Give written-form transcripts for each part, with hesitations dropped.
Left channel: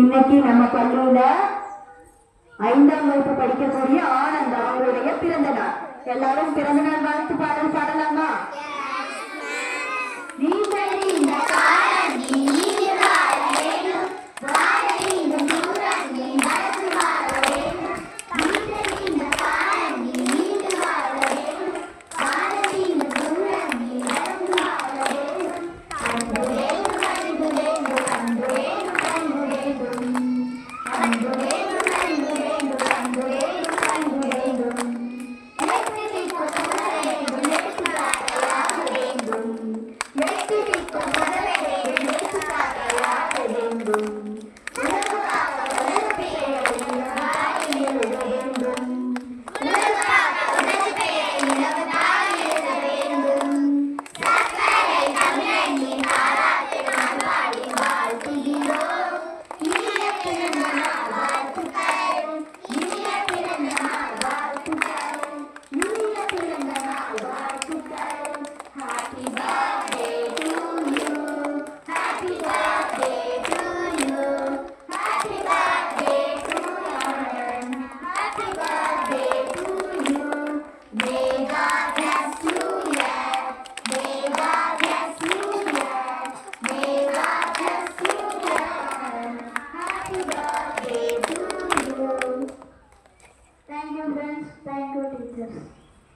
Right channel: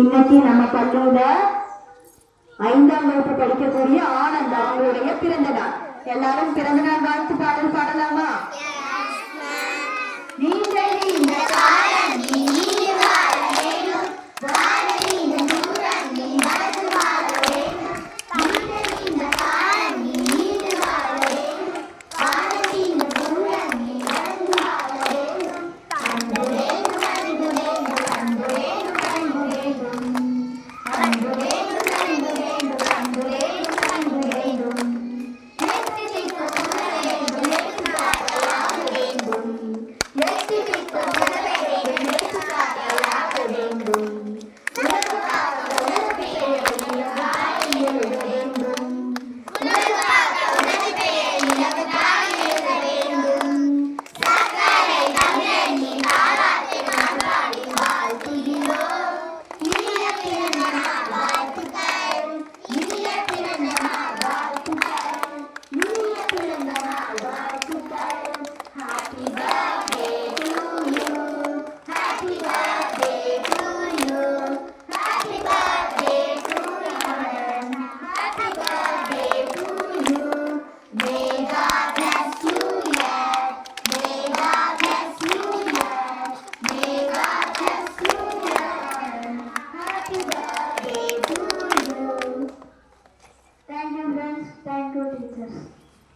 இன்னைக்கு நம்ம பள்ளியில 5ஆம் வகுப்பு படிக்கக்கூடிய ஆனந்த் அவங்களுடைய பிறந்த நாள். எல்லாரும் பிறந்த நாள் வாழ்த்து பாடல் பாடலாமா?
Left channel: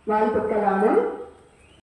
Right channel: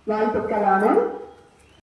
வாழ்த்துக்கள் ஆனந்த்.